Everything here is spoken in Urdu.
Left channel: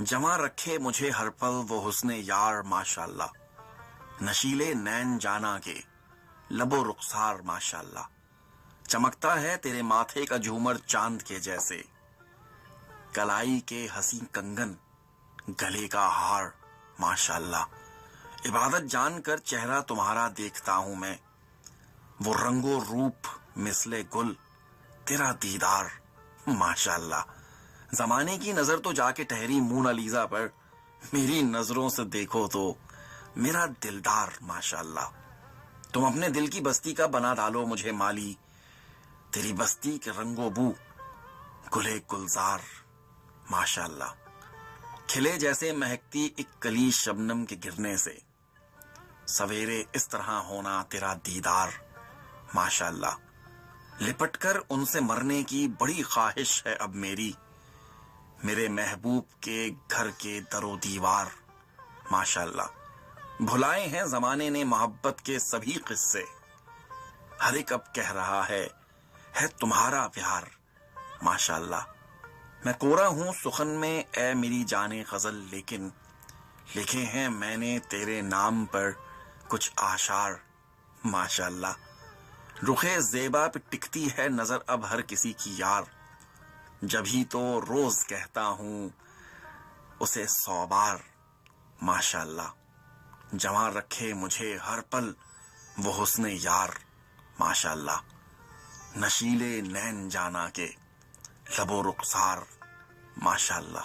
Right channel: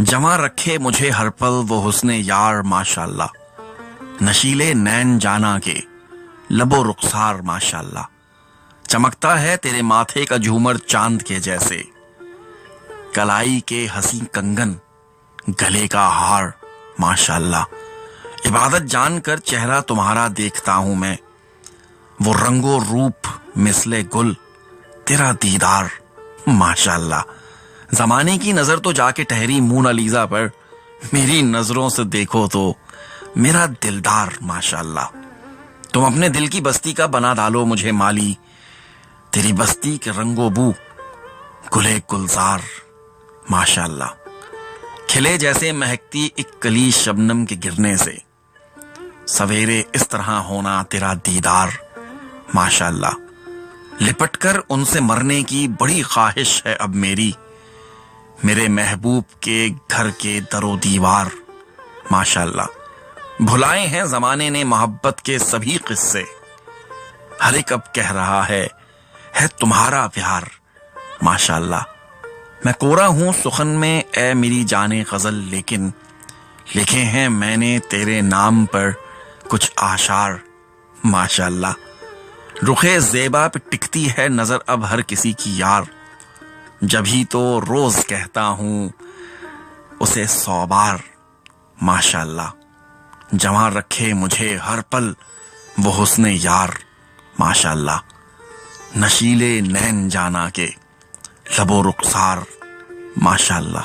جمع رکھے مجھے ہر پل وہ حسن یار ماشاءاللہ، نشیلے نین جانا کے لب و رخسار ماشاءاللہ، چمکتا ہے تیرے ماتھے کا جھومر چاند کے جیسے، کلائی کے حسین کنگن گلے کا ہار ماشاءاللہ، عبادت جان کر چہرہ تمہارا دیکھتا ہوں میں، وہ رنگ و روپ مثل گل تیرا دیدار ماشاءاللہ، زمانے کی نظر تو جا کے ٹھہری مونا لیزا پر، میری نظروں سے دیکھو تو میرا دلدار ماشاءاللہ، تم اپنے دل کی بستی کا بنا ڈالو مجھے مالی، تیری بستی کے رنگ و بو گلے گلزار ماشاءاللہ، کھلے جیسے مہکتی ایک کلی شبنم کے گرنے سے، سویرے اس طرح ہونا تیرا دیدار ماشاءاللہ، لپٹ کر ان سے مرنے کی بڑی خواہش ہے اب میری، میرے محبوب کے گھر کے در و دیوار ماشاءاللہ، بھلائے ہیں زمانے نے محبت کے سبھی قصے، ہر ایک اب کہہ رہا ہے تمہارا پیار ماشاءاللہ، میں کورا ہوں سخن میں اے میری جانے غزل، لیکن لکھے ہیں میں نے تیرے نام پر کچھ آشار ماشاءاللہ، رخے زیبا پہ ٹکتی ہے نظر اب ہر کسی کی یار، جبھی تو روز کہتا ہوں اسے 100 بار ماشاءاللہ، جمع رکھے مجھے ہر پل وہ حسن یار ماشاءاللہ، نشیلے نین جانا کے لب و رخسار ماشاءاللہ۔